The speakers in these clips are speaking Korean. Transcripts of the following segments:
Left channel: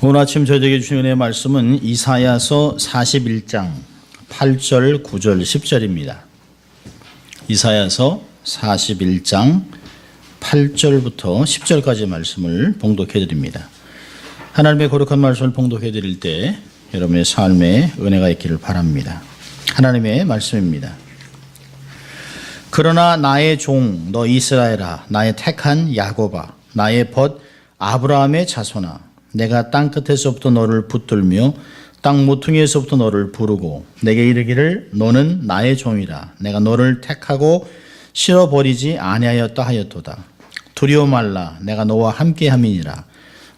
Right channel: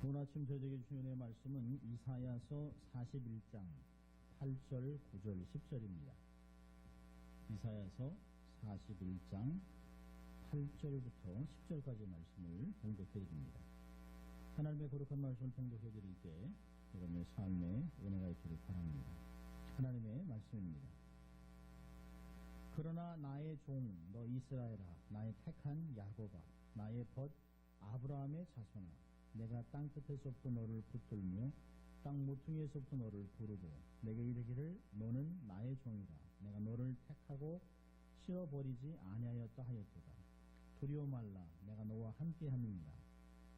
오늘 아침 저에게 주신 은혜의 말씀은 이사야서 41장 8절, 9절, 10절입니다. 이사야서 41장 8절부터 10절까지 말씀을 봉독해 드립니다. 하나님의 거룩한 말씀을 봉독해 드릴 때 여러분의 삶에 은혜가 있기를 바랍니다. 하나님의 말씀입니다. 그러나 나의 종 너 이스라엘아, 나의 택한 야곱아, 나의 벗 아브라함의 자손아, 내가 땅 끝에서부터 너를 붙들며 땅 모퉁이에서부터 너를 부르고 내게 이르기를 너는 나의 종이라. 내가 너를 택하고 실어버리지 아니하였다 하였도다. 두려워 말라. 내가 너와 함께함이니라.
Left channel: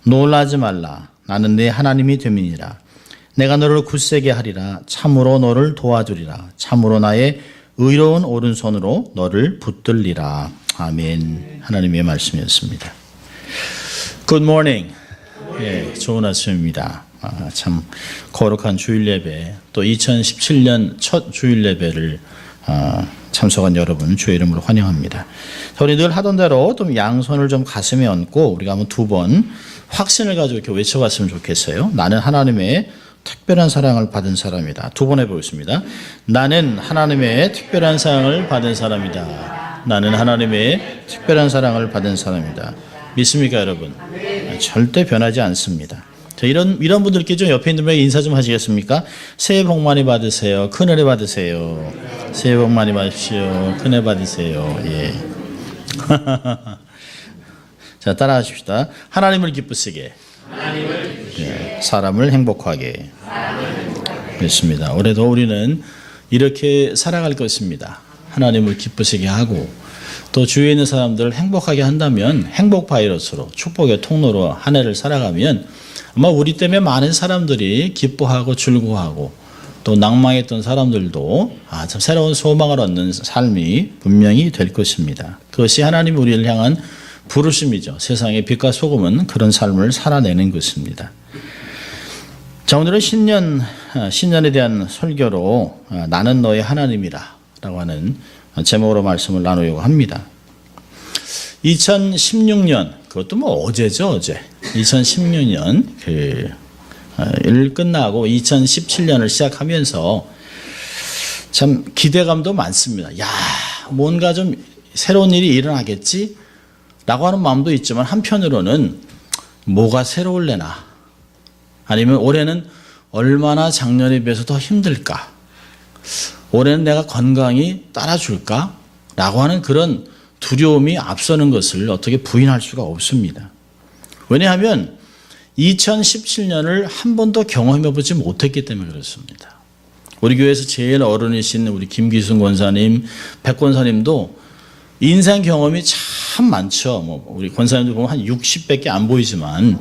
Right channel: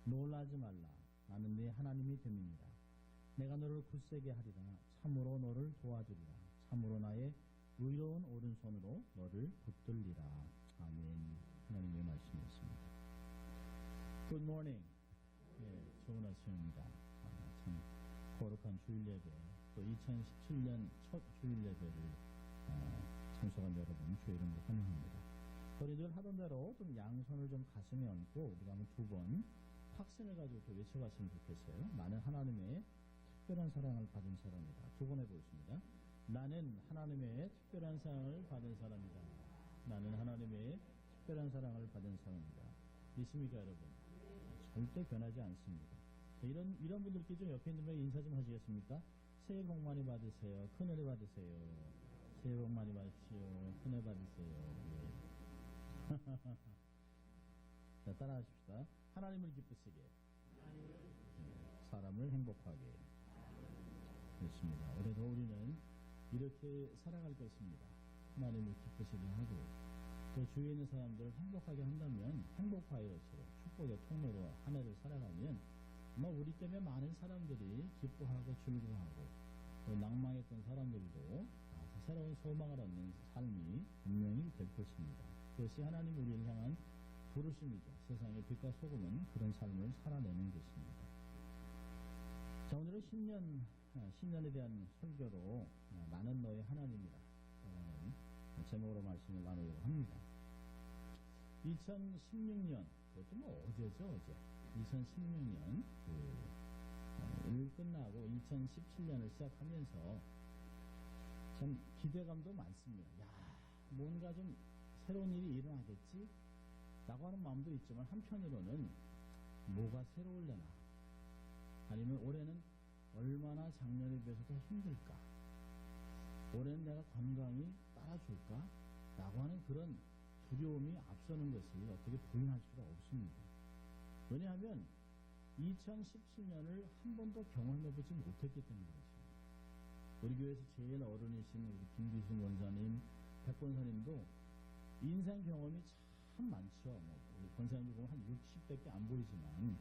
놀라지 말라. 나는 네 하나님이 됨이니라. 내가 너를 굳세게 하리라. 참으로 너를 도와주리라. 참으로 나의 의로운 오른손으로 너를 붙들리라. 아멘. 하나님의 말씀이었습니다. Good morning. 예, 좋은 아침입니다. 참 거룩한 주일 예배, 또 2017년 첫 주일 예배를 참석한 여러분 주의 이름으로 환영합니다. 우리 늘 하던 대로 좀 양손을 좀 가슴에 얹고 우리가 한번 두 번 확신을 가지고 이렇게 외쳐봤으면 좋겠어요. 나는 하나님의 특별한 사랑을 받은 사람이다. 두 번 해보겠습니다. 나는 하나님의 특별한 사랑을 받은 사람이다. 나는 하나님의 특별한 사랑을 받은 사람이다. 믿습니까, 여러분? 절대 변하지 않습니다. 자, 이런 분들께 좀 옆에 있는 분에게 인사 좀 하시겠습니까? 새해 복 많이 받으세요. 큰 은혜 받으세요. 새해 복 많이 받으십시오. 큰 은혜 받으세요. 예. 자, 따라하십시다. 하나님을 기쁘시게. 예, 사람을 행복하게. 그렇습니다. 올해도 우리는 이렇게 살아갈 것입니다. 하나님을 기쁘시게 하고 또 주위에 있는 사람들을 행복하게 한다면 행복 바이러스로 축복의 통로로 한 해를 살아가면 아마 우리 때문에 많은 사람들이 기뻐하고 즐거워하고 또 낭망했던 사람들도 참 새로운 소망을 얻는 삶이 분명히 될 것입니다. 그것이 하나님이 우리를 향한 부르심이죠. 세상의 빛과 소금은 그런 삶을 살아내는 것입니다. 자, 오늘은 신년에 대한 설교로 나는 너의 하나님이라 라고 하는 제목으로 말씀을 나누려고 합니다. 2016년, 그것도 뭐 어제죠, 어제. 2016년 일 끝나고 2017년을 시작하면서 참 기대감도 많습니다. 야, 뭔가 좀 새로운 일이 일어나겠지? 라고 하는 마음도 있지만 한편으로는 뭐가 새로울래나? 아니면 올해는 얼마나 작년에 비해서 더 힘들까? 올해는 내가 건강이 따라줄까? 라고 하는 그런 두려움이 앞서는 것을 어떻게 부인할 수가 없습니다. 왜냐하면 2017년을 한 번도 경험해보지 못했기 때문에 그렇습니다. 우리 교회에서 제일 어른이신 우리 김기순 권사님, 백 권사님도 인생 경험이 참 많죠. 뭐 우리 권사님도 보면 한 60밖에 안 보이지만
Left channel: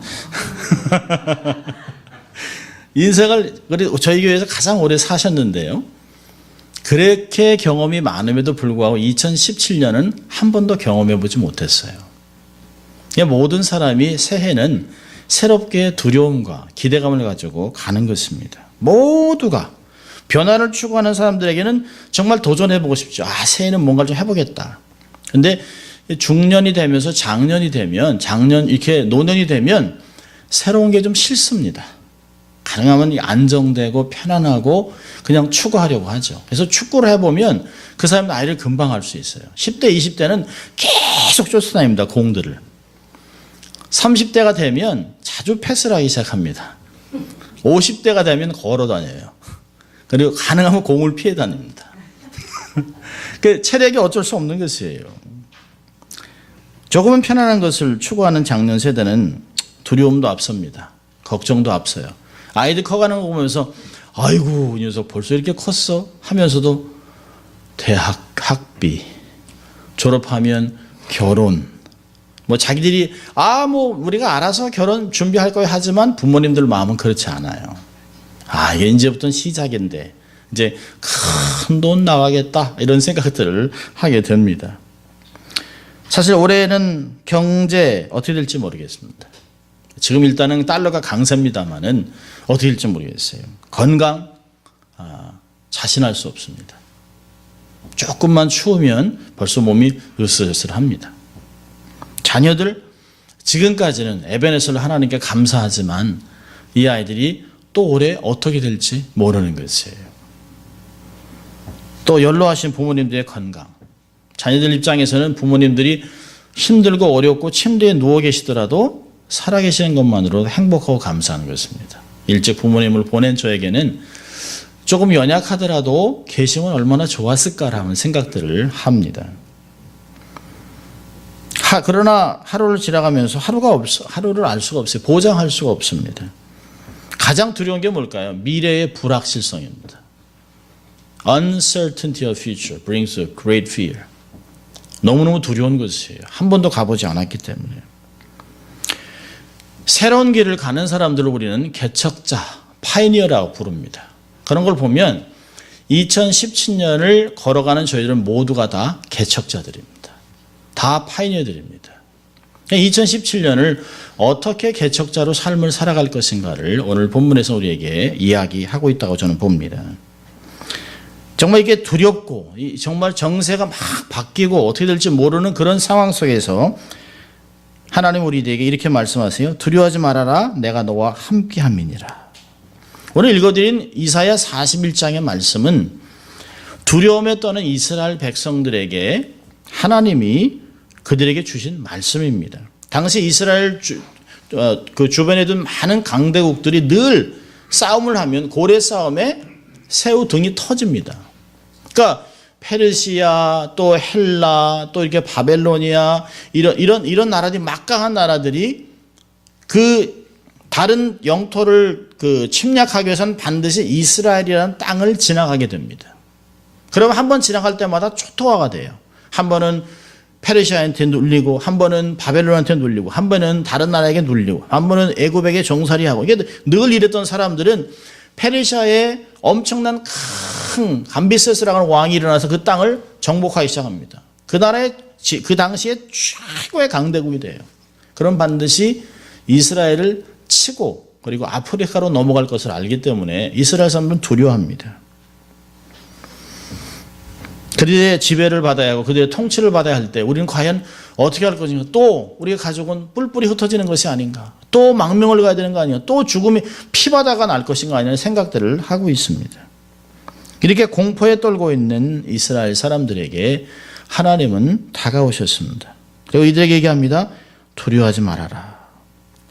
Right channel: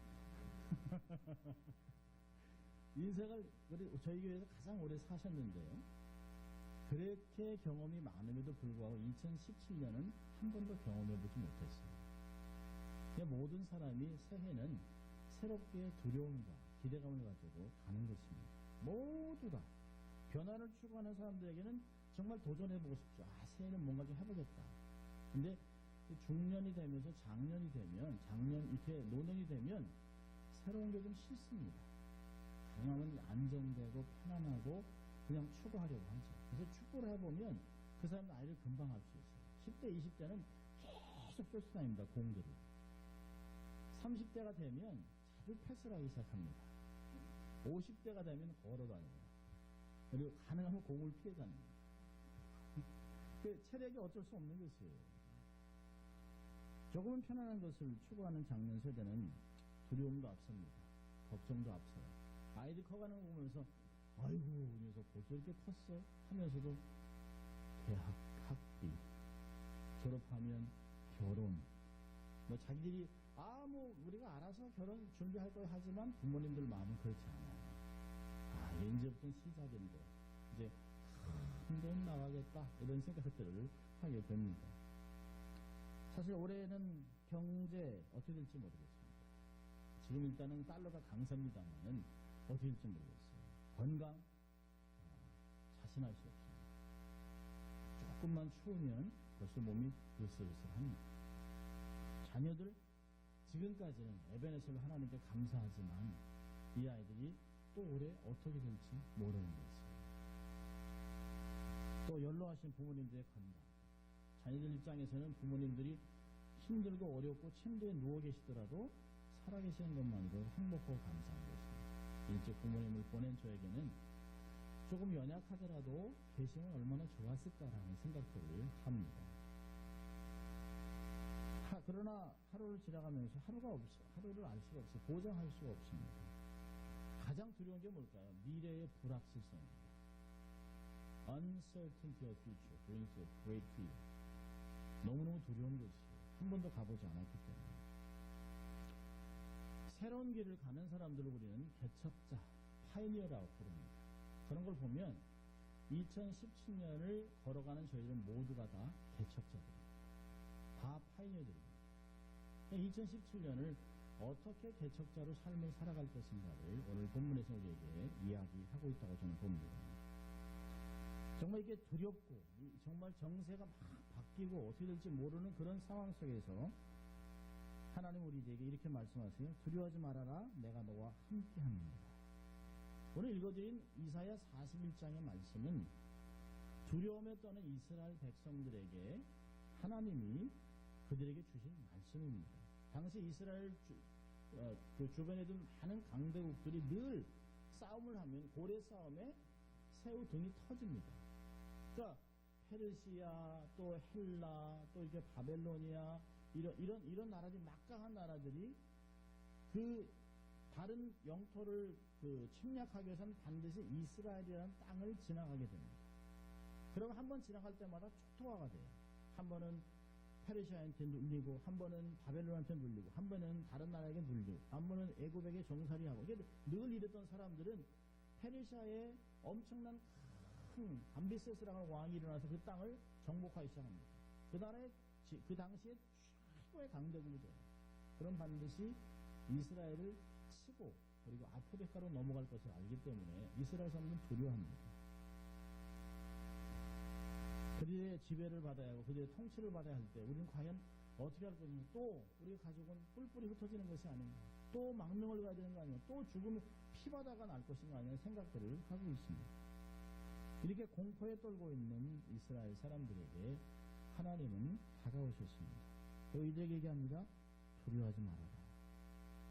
인생을 저희 교회에서 가장 오래 사셨는데요. 그렇게 경험이 많음에도 불구하고 2017년은 한 번도 경험해보지 못했어요. 모든 사람이 새해는 새롭게 두려움과 기대감을 가지고 가는 것입니다. 모두가 변화를 추구하는 사람들에게는 정말 도전해보고 싶죠. 새해는 뭔가 좀 해보겠다. 근데 중년이 되면서 장년이 되면 이렇게 노년이 되면 새로운 게 좀 싫습니다. 가능하면 안정되고 편안하고 그냥 추구하려고 하죠. 그래서 축구를 해보면 그 사람은 나이를 금방 할 수 있어요. 10대, 20대는 계속 쫓아다닙니다. 공들을. 30대가 되면 자주 패스를 하기 시작합니다. 50대가 되면 걸어 다녀요. 그리고 가능하면 공을 피해 다닙니다. 그 체력이 어쩔 수 없는 것이에요. 조금은 편안한 것을 추구하는 장년 세대는 두려움도 앞섭니다. 걱정도 앞서요. 아이들 커가는 거 보면서 아이고 이 녀석 벌써 이렇게 컸어 하면서도 대학 학비, 졸업하면 결혼, 뭐 자기들이 뭐 우리가 알아서 결혼 준비할 거야 하지만 부모님들 마음은 그렇지 않아요. 이게 이제부터는 시작인데 이제 큰 돈 나가겠다 이런 생각들을 하게 됩니다. 사실 올해는 경제 어떻게 될지 모르겠습니다. 지금 일단은 달러가 강세입니다만은 어떻게 될지 모르겠어요. 건강 자신할 수 없습니다. 조금만 추우면 벌써 몸이 으슬으슬합니다. 자녀들 지금까지는 에베네스를 하나님께 감사하지만 이 아이들이 또 올해 어떻게 될지 모르는 것이에요. 또 연로하신 부모님들의 건강. 자녀들 입장에서는 부모님들이 힘들고 어렵고 침대에 누워 계시더라도 살아계시는 것만으로도 행복하고 감사한 것입니다. 일찍 부모님을 보낸 저에게는 조금 연약하더라도 계시면 얼마나 좋았을까라는 생각들을 합니다. 그러나 하루를 지나가면서 하루를 알 수가 없어요. 보장할 수가 없습니다. 가장 두려운 게 뭘까요? 미래의 불확실성입니다. Uncertainty of future brings a great fear. 너무너무 두려운 것이에요. 한 번도 가보지 않았기 때문에. 새로운 길을 가는 사람들을 우리는 개척자, 파이니어라고 부릅니다. 그런 걸 보면 2017년을 걸어가는 저희들은 모두가 다 개척자들입니다. 다 파이니어들입니다. 2017년을 어떻게 개척자로 삶을 살아갈 것인가를 오늘 본문에서 우리에게 이야기하고 있다고 저는 봅니다. 정말 이게 두렵고 정말 정세가 막 바뀌고 어떻게 될지 모르는 그런 상황 속에서 하나님 우리에게 이렇게 말씀하세요. 두려워하지 말아라. 내가 너와 함께함이니라. 오늘 읽어드린 이사야 41장의 말씀은 두려움에 떠는 이스라엘 백성들에게 하나님이 그들에게 주신 말씀입니다. 당시 이스라엘 그 주변에 둔 많은 강대국들이 늘 싸움을 하면 고래 싸움에 새우 등이 터집니다. 그러니까 페르시아 또 헬라 또 이렇게 바벨로니아 이런 나라들이 막강한 나라들이 그 다른 영토를 그 침략하기 위해서는 반드시 이스라엘이라는 땅을 지나가게 됩니다. 그러면 한 번 지나갈 때마다 초토화가 돼요. 한 번은 페르시아한테 눌리고 한 번은 바벨론한테 눌리고 한 번은 다른 나라에게 눌리고 한 번은 애굽에게 종살이하고 이게 늘 이랬던 사람들은 페르시아에 엄청난 큰 감비세스라는 왕이 일어나서 그 땅을 정복하기 시작합니다. 그 나라의 그 당시에 최고의 강대국이 돼요. 그럼 반드시 이스라엘을 치고 그리고 아프리카로 넘어갈 것을 알기 때문에 이스라엘 사람들은 두려워합니다. 그들의 지배를 받아야 하고 그들의 통치를 받아야 할 때 우리는 과연 어떻게 할 것인가? 또 우리의 가족은 뿔뿔이 흩어지는 것이 아닌가? 또 망명을 가야 되는 거 아니야? 또 죽음이 피바다가 날 것인가 아니냐는 생각들을 하고 있습니다. 이렇게 공포에 떨고 있는 이스라엘 사람들에게 하나님은 다가오셨습니다. 그리고 이들에게 얘기합니다. 두려워하지 말아라.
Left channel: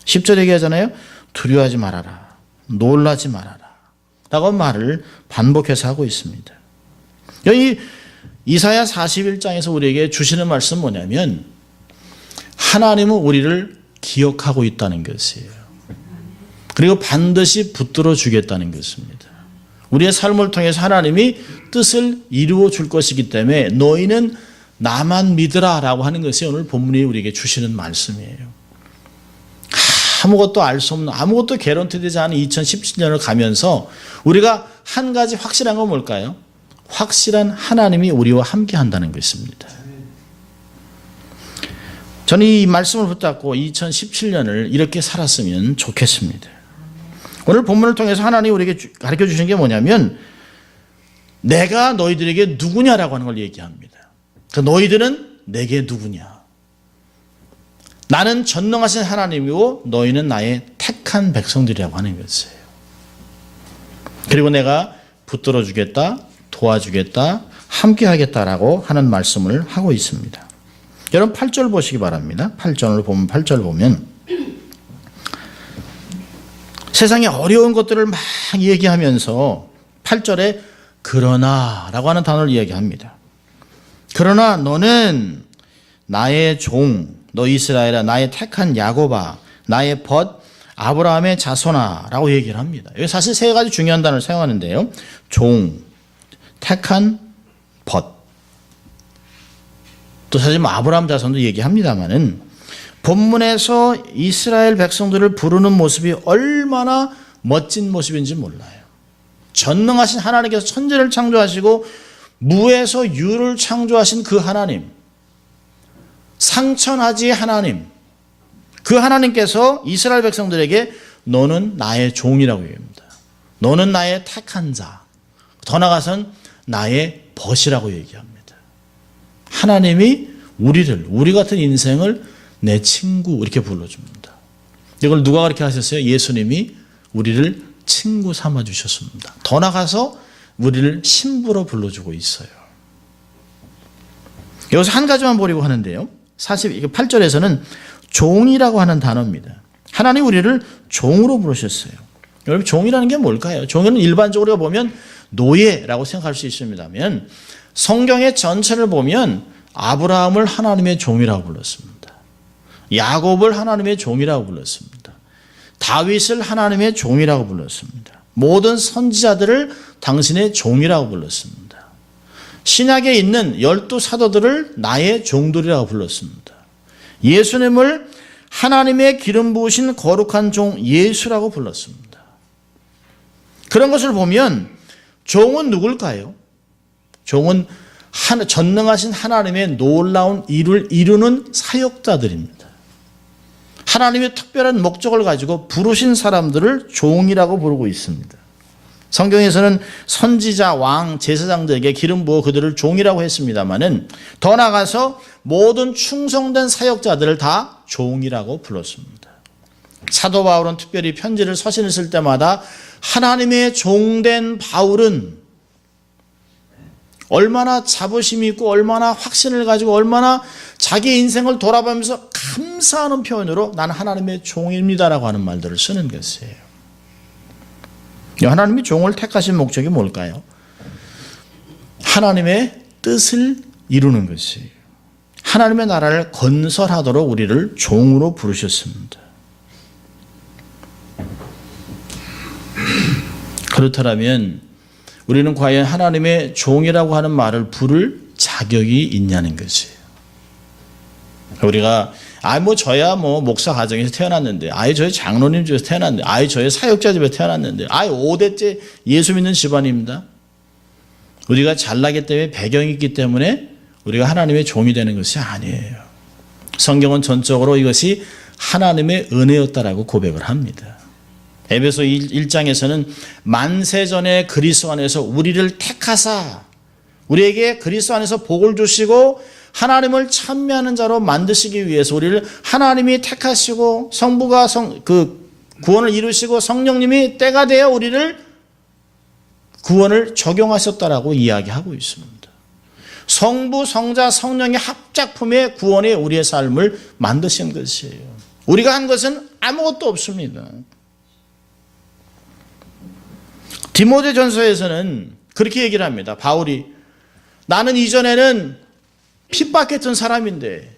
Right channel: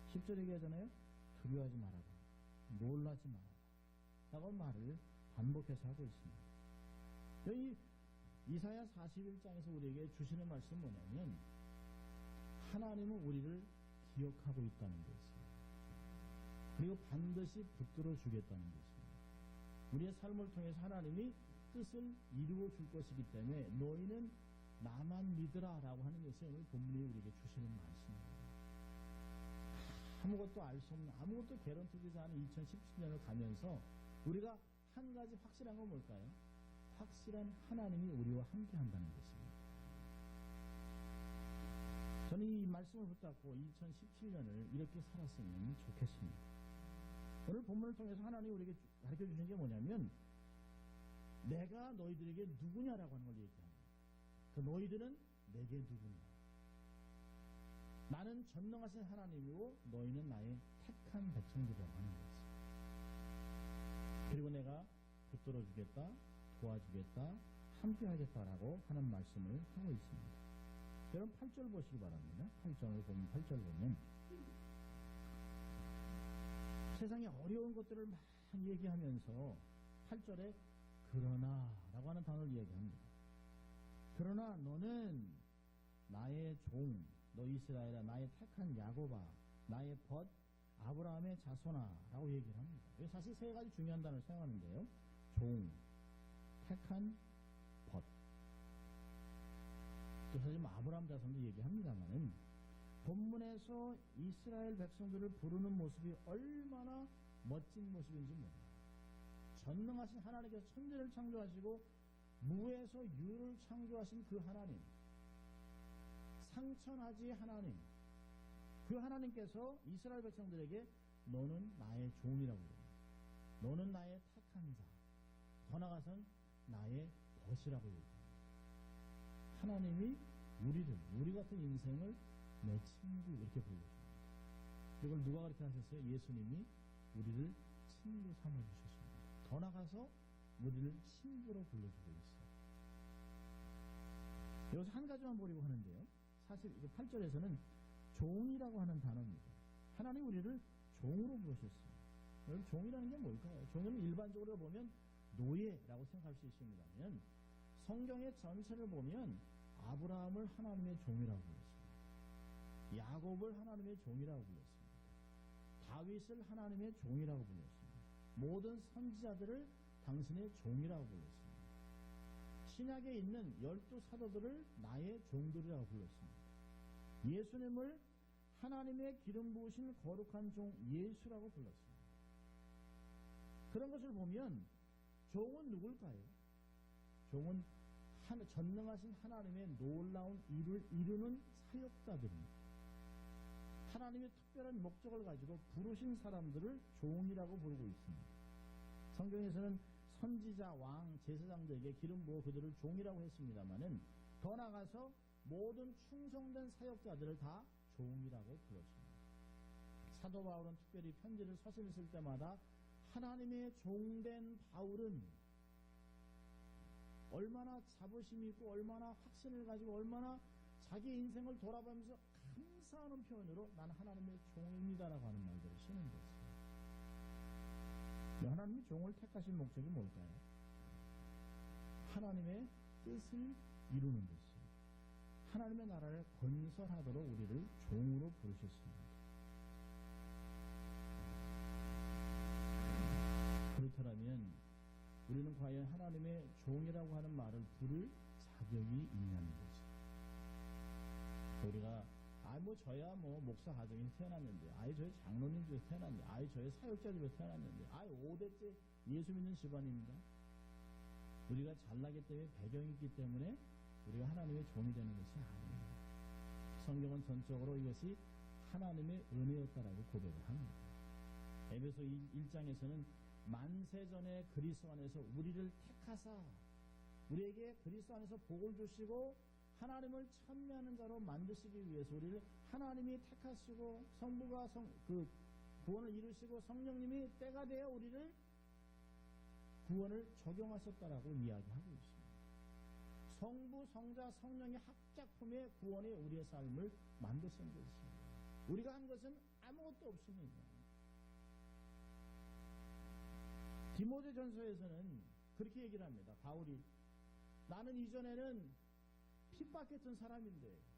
10절 얘기하잖아요. 두려워하지 말아라. 놀라지 말아라. 라고 말을 반복해서 하고 있습니다. 여기 이사야 41장에서 우리에게 주시는 말씀은 뭐냐면 하나님은 우리를 기억하고 있다는 것이에요. 그리고 반드시 붙들어 주겠다는 것입니다. 우리의 삶을 통해서 하나님이 뜻을 이루어 줄 것이기 때문에 너희는 나만 믿으라 라고 하는 것이 오늘 본문이 우리에게 주시는 말씀이에요. 아무것도 알 수 없는 아무것도 개런티되지 않은 2017년을 가면서 우리가 한 가지 확실한 건 뭘까요? 확실한 하나님이 우리와 함께 한다는 것입니다. 저는 이 말씀을 붙잡고 2017년을 이렇게 살았으면 좋겠습니다. 오늘 본문을 통해서 하나님이 우리에게 가르쳐 주신 게 뭐냐면 내가 너희들에게 누구냐라고 하는 걸 얘기합니다. 그러니까 너희들은 내게 누구냐. 나는 전능하신 하나님이고 너희는 나의 택한 백성들이라고 하는 것이에요. 그리고 내가 붙들어 주겠다. 도와주겠다, 함께 하겠다라고 하는 말씀을 하고 있습니다. 여러분 8절 보시기 바랍니다. 8절 보면 세상에 어려운 것들을 막 얘기하면서 8절에 그러나라고 하는 단어를 이야기합니다. 그러나 너는 나의 종, 너 이스라엘아, 나의 택한 야곱아, 나의 벗 아브라함의 자손아라고 얘기를 합니다. 여기 사실 세 가지 중요한 단어를 사용하는데요. 종, 택한 벗. 또 사실 아브라함 자손도 얘기합니다만은 본문에서 이스라엘 백성들을 부르는 모습이 얼마나 멋진 모습인지 몰라요. 전능하신 하나님께서 천지를 창조하시고 무에서 유를 창조하신 그 하나님, 상천하지의 하나님, 그 하나님께서 이스라엘 백성들에게 너는 나의 종이라고 얘기합니다. 너는 나의 택한 자. 더 나아가선 나의 벗이라고 얘기합니다. 하나님이 우리 같은 인생을 내 친구 이렇게 불러줍니다. 이걸 누가 그렇게 하셨어요? 예수님이 우리를 친구 삼아 주셨습니다. 더 나아가서 우리를 신부로 불러주고 있어요. 여기서 한 가지만 보려고 하는데요. 48절에서는 종이라고 하는 단어입니다. 하나님 우리를 종으로 부르셨어요. 여러분 종이라는 게 뭘까요? 종은 일반적으로 보면 노예라고 생각할 수 있습니다만 성경의 전체를 보면 아브라함을 하나님의 종이라고 불렀습니다. 야곱을 하나님의 종이라고 불렀습니다. 다윗을 하나님의 종이라고 불렀습니다. 모든 선지자들을 당신의 종이라고 불렀습니다. 신약에 있는 12사도들을 나의 종들이라고 불렀습니다. 예수님을 하나님의 기름 부으신 거룩한 종 예수라고 불렀습니다. 그런 것을 보면 종은 누굴까요? 종은 전능하신 하나님의 놀라운 일을 이루는 사역자들입니다. 하나님의 특별한 목적을 가지고 부르신 사람들을 종이라고 부르고 있습니다. 성경에서는 선지자, 왕, 제사장들에게 기름 부어 그들을 종이라고 했습니다마는 더 나아가서 모든 충성된 사역자들을 다 종이라고 불렀습니다. 사도 바울은 특별히 편지를 서신을 쓸 때마다 하나님의 종된 바울은 얼마나 자부심이 있고 얼마나 확신을 가지고 얼마나 자기 인생을 돌아보면서 감사하는 표현으로 나는 하나님의 종입니다라고 하는 말들을 쓰는 것이에요. 하나님이 종을 택하신 목적이 뭘까요? 하나님의 뜻을 이루는 것이에요. 하나님의 나라를 건설하도록 우리를 종으로 부르셨습니다. 그렇다면 우리는 과연 하나님의 종이라고 하는 말을 부를 자격이 있냐는 것이에요. 우리가 저야 목사 가정에서 태어났는데, 저희 장로님 집에서 태어났는데, 저희 사역자 집에서 태어났는데, 5대째 예수 믿는 집안입니다. 우리가 잘나기 때문에 배경이 있기 때문에 우리가 하나님의 종이 되는 것이 아니에요. 성경은 전적으로 이것이 하나님의 은혜였다라고 고백을 합니다. 에베소 1장에서는 만세전에 그리스도 안에서 우리를 택하사 우리에게 그리스도 안에서 복을 주시고 하나님을 찬미하는 자로 만드시기 위해서 우리를 하나님이 택하시고 성부가 구원을 이루시고 성령님이 때가 되어 우리를 구원을 적용하셨다라고 이야기하고 있습니다. 성부, 성자, 성령의 합작품의 구원에 우리의 삶을 만드신 것이에요. 우리가 한 것은 아무것도 없습니다. 디모데전서에서는 그렇게 얘기를 합니다. 바울이 나는 이전에는 핍박했던 사람인데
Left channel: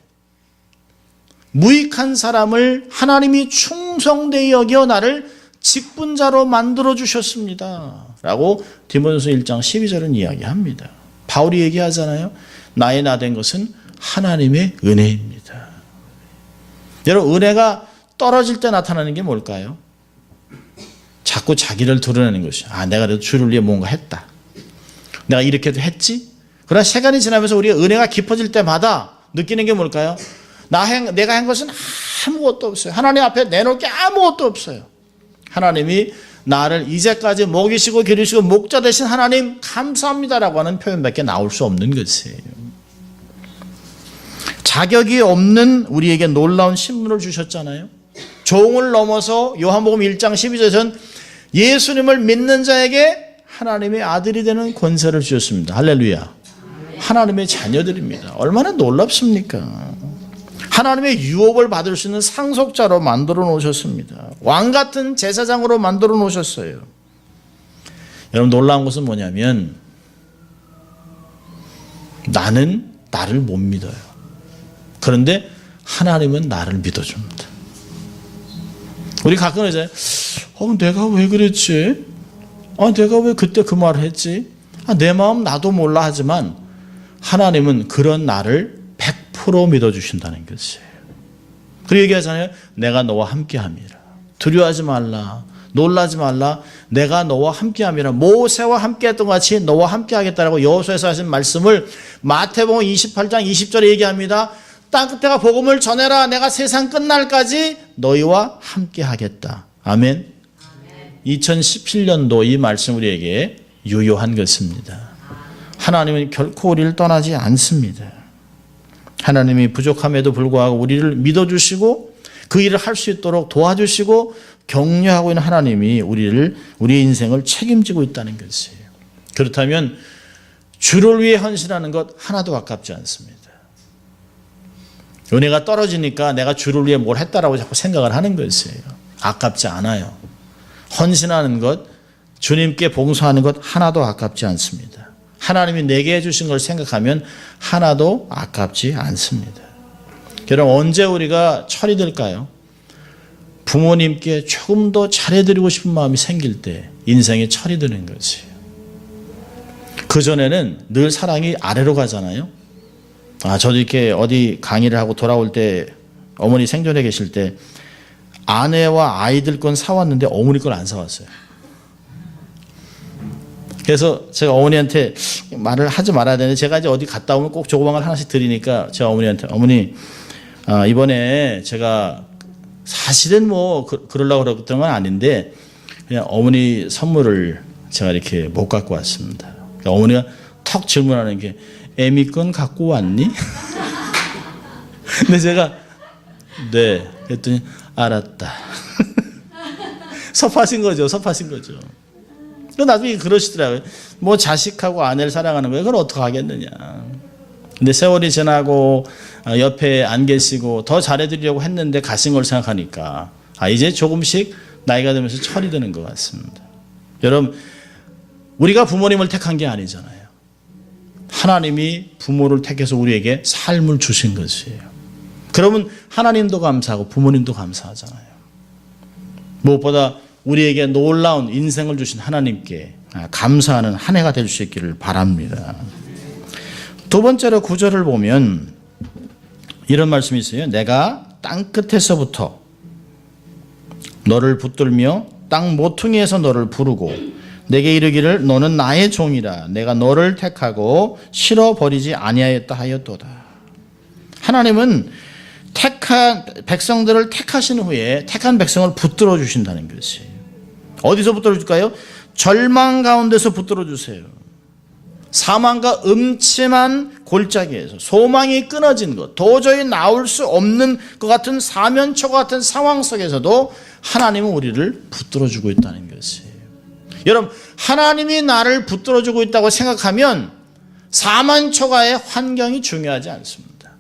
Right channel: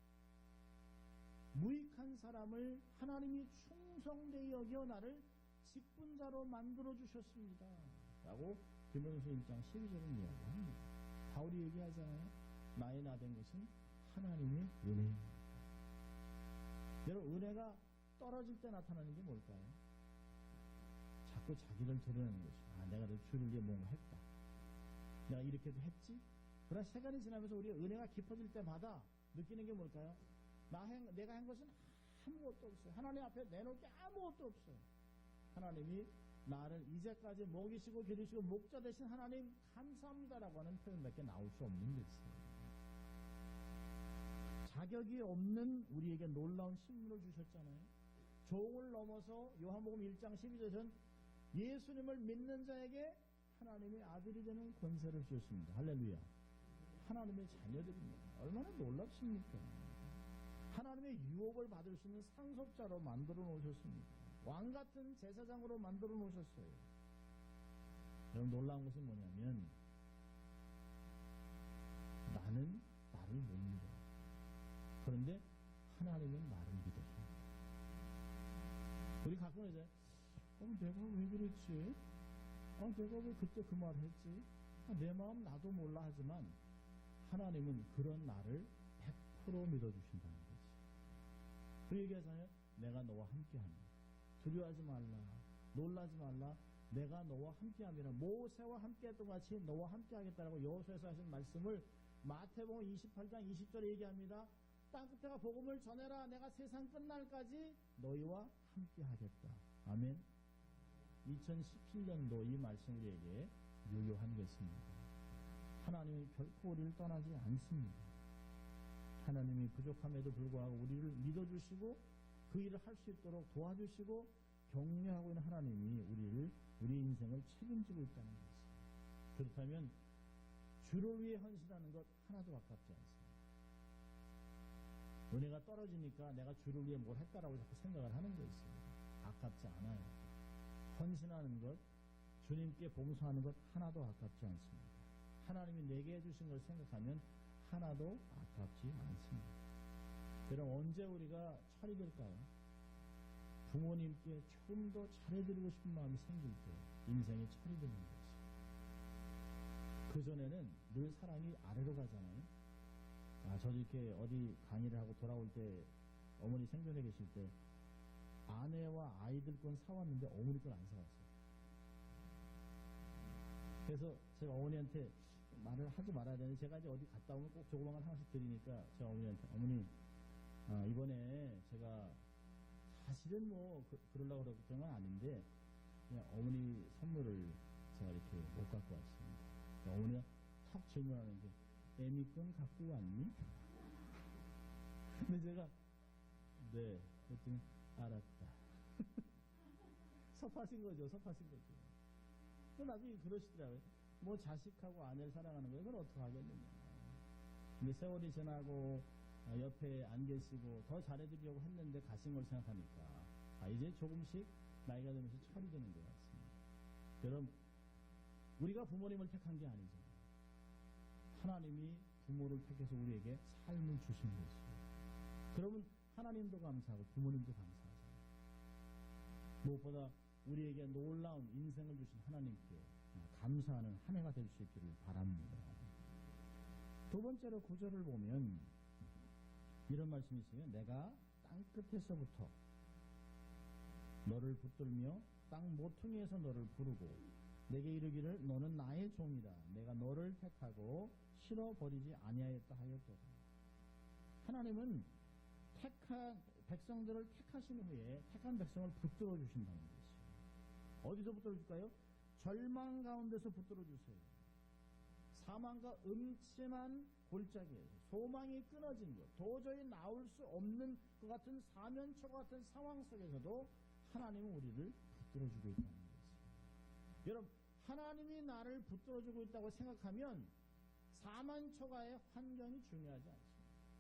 무익한 사람을 하나님이 충성되이 여겨 나를 직분자로 만들어 주셨습니다 라고 디모데전서 1장 12절은 이야기합니다. 바울이 얘기하잖아요. 나의 나 된 것은 하나님의 은혜입니다. 여러분 은혜가 떨어질 때 나타나는 게 뭘까요? 자꾸 자기를 드러내는 것이죠. 내가 그래도 주를 위해 뭔가 했다. 내가 이렇게도 했지? 그러나 시간이 지나면서 우리가 은혜가 깊어질 때마다 느끼는 게 뭘까요? 내가 한 것은 아무것도 없어요. 하나님 앞에 내놓을 게 아무것도 없어요. 하나님이 나를 이제까지 먹이시고 기르시고 목자 되신 하나님 감사합니다라고 하는 표현밖에 나올 수 없는 것이에요. 자격이 없는 우리에게 놀라운 신분을 주셨잖아요. 종을 넘어서 요한복음 1장 12절에서는 예수님을 믿는 자에게 하나님의 아들이 되는 권세를 주셨습니다. 할렐루야. 하나님의 자녀들입니다. 얼마나 놀랍습니까? 하나님의 유업을 받을 수 있는 상속자로 만들어 놓으셨습니다. 왕 같은 제사장으로 만들어 놓으셨어요. 여러분 놀라운 것은 뭐냐면 나는 나를 못 믿어요. 그런데 하나님은 나를 믿어줍니다. 우리 가끔 이제 내가 왜 그랬지? 내가 왜 그때 그 말을 했지? 내 마음 나도 몰라 하지만 하나님은 그런 나를 100% 믿어주신다는 것이에요. 그리고 얘기하잖아요. 내가 너와 함께함이라. 두려워하지 말라. 놀라지 말라. 내가 너와 함께함이라. 모세와 함께했던 것 같이 너와 함께하겠다라고 여호수아에서 하신 말씀을 마태복음 28장 20절에 얘기합니다. 땅 끝에가 복음을 전해라. 내가 세상 끝날까지 너희와 함께하겠다. 아멘. 2017년도 이 말씀 우리에게 유효한 것입니다. 하나님은 결코 우리를 떠나지 않습니다. 하나님이 부족함에도 불구하고 우리를 믿어주시고 그 일을 할 수 있도록 도와주시고 격려하고 있는 하나님이 우리의 인생을 책임지고 있다는 것이에요. 그렇다면 주를 위해 헌신하는 것 하나도 아깝지 않습니다. 은혜가 떨어지니까 내가 주를 위해 뭘 했다라고 자꾸 생각을 하는 것이에요. 아깝지 않아요. 헌신하는 것, 주님께 봉사하는 것 하나도 아깝지 않습니다. 하나님이 내게 해주신 걸 생각하면 하나도 아깝지 않습니다. 여러분, 언제 우리가 철이 들까요? 부모님께 조금 더 잘해드리고 싶은 마음이 생길 때 인생에 철이 드는 것이에요. 그전에는 늘 사랑이 아래로 가잖아요. 저도 이렇게 어디 강의를 하고 돌아올 때 어머니 생존해 계실 때 아내와 아이들 건 사왔는데 어머니 걸 안 사왔어요. 그래서 제가 어머니한테 말을 하지 말아야 되는데 제가 이제 어디 갔다 오면 꼭 조그만 걸 하나씩 드리니까 제가 어머니한테 어머니 이번에 제가 사실은 뭐 그러려고 그랬던 건 아닌데 그냥 어머니 선물을 제가 이렇게 못 갖고 왔습니다. 그러니까 어머니가 턱 질문하는 게 애미 건 갖고 왔니? 근데 제가 네 그랬더니 알았다. 섭하신 거죠. 나중에 그러시더라고요. 뭐 자식하고 아내를 사랑하는 거예요. 그걸 어떻게 하겠느냐. 근데 세월이 지나고 옆에 안 계시고 더 잘해드리려고 했는데 가신 걸 생각하니까 이제 조금씩 나이가 들면서 철이 드는 것 같습니다. 여러분, 우리가 부모님을 택한 게 아니잖아요. 하나님이 부모를 택해서 우리에게 삶을 주신 것이에요. 그러면 하나님도 감사하고 부모님도 감사하잖아요. 무엇보다 우리에게 놀라운 인생을 주신 하나님께 감사하는 한 해가 될 수 있기를 바랍니다. 두 번째로 9절을 보면 이런 말씀이 있어요. 내가 땅 끝에서부터 너를 붙들며 땅 모퉁이에서 너를 부르고 내게 이르기를 너는 나의 종이라 내가 너를 택하고 실어버리지 아니하였다 하였도다. 하나님은 택한 백성들을 택하신 후에 택한 백성을 붙들어 주신다는 것이에요. 어디서 붙들어 줄까요? 절망 가운데서 붙들어 주세요. 사망과 음침한 골짜기에서 소망이 끊어진 것, 도저히 나올 수 없는 것 같은 사면초가 같은 상황 속에서도 하나님은 우리를 붙들어 주고 있다는 것이에요. 여러분, 하나님이 나를 붙들어 주고 있다고 생각하면 사면초가의 환경이 중요하지 않습니다.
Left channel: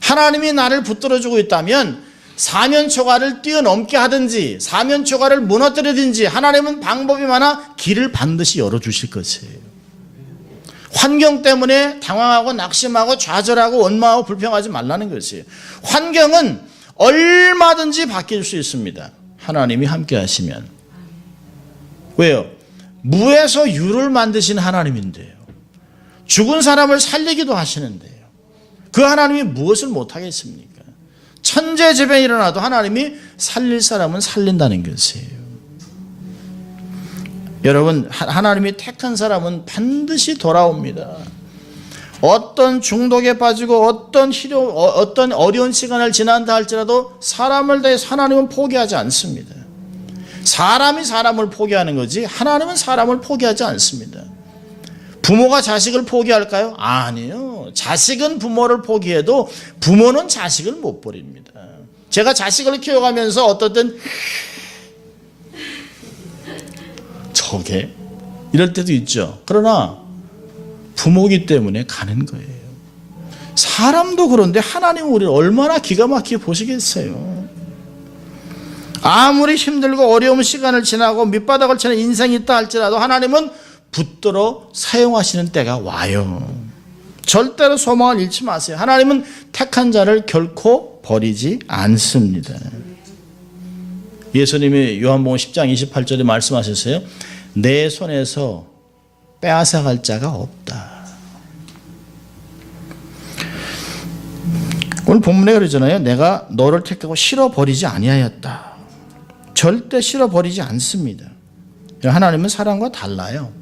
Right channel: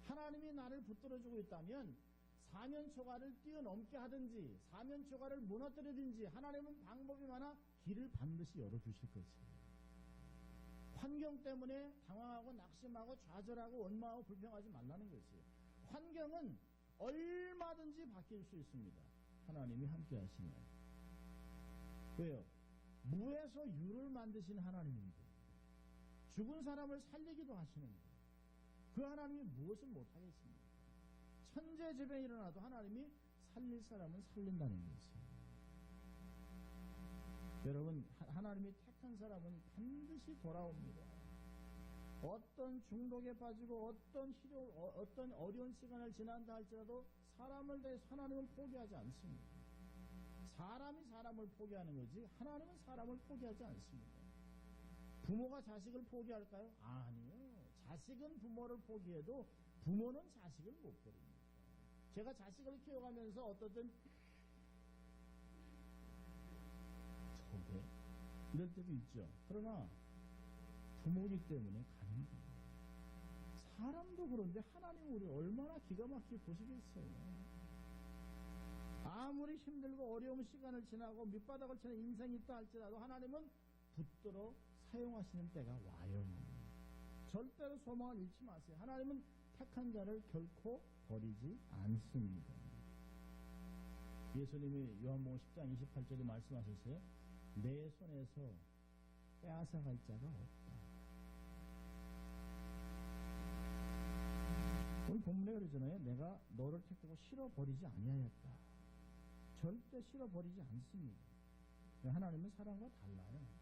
하나님이 나를 붙들어 주고 있다면 사면초가를 뛰어넘게 하든지 사면초가를 무너뜨리든지 하나님은 방법이 많아 길을 반드시 열어주실 것이에요. 환경 때문에 당황하고 낙심하고 좌절하고 원망하고 불평하지 말라는 것이에요. 환경은 얼마든지 바뀔 수 있습니다. 하나님이 함께 하시면. 왜요? 무에서 유를 만드신 하나님인데요. 죽은 사람을 살리기도 하시는데요. 그 하나님이 무엇을 못하겠습니까? 천재지변이 일어나도 하나님이 살릴 사람은 살린다는 것이에요. 여러분, 하나님이 택한 사람은 반드시 돌아옵니다. 어떤 중독에 빠지고 어떤 어려운 시간을 지난다 할지라도 사람을 대해서 하나님은 포기하지 않습니다. 사람이 사람을 포기하는 거지 하나님은 사람을 포기하지 않습니다. 부모가 자식을 포기할까요? 아니요. 자식은 부모를 포기해도 부모는 자식을 못 버립니다. 제가 자식을 키워가면서 어떨 땐 저게 이럴 때도 있죠. 그러나 부모이기 때문에 가는 거예요. 사람도 그런데 하나님은 우리를 얼마나 기가 막히게 보시겠어요. 아무리 힘들고 어려운 시간을 지나고 밑바닥을 치는 인생이 있다 할지라도 하나님은 붙들어 사용하시는 때가 와요. 절대로 소망을 잃지 마세요. 하나님은 택한 자를 결코 버리지 않습니다. 예수님이 요한복음 10장 28절에 말씀하셨어요. 내 손에서 빼앗아갈 자가 없다. 오늘 본문에 그러잖아요. 내가 너를 택하고 실어버리지 아니하였다. 절대 실어버리지 않습니다. 하나님은 사람과 달라요.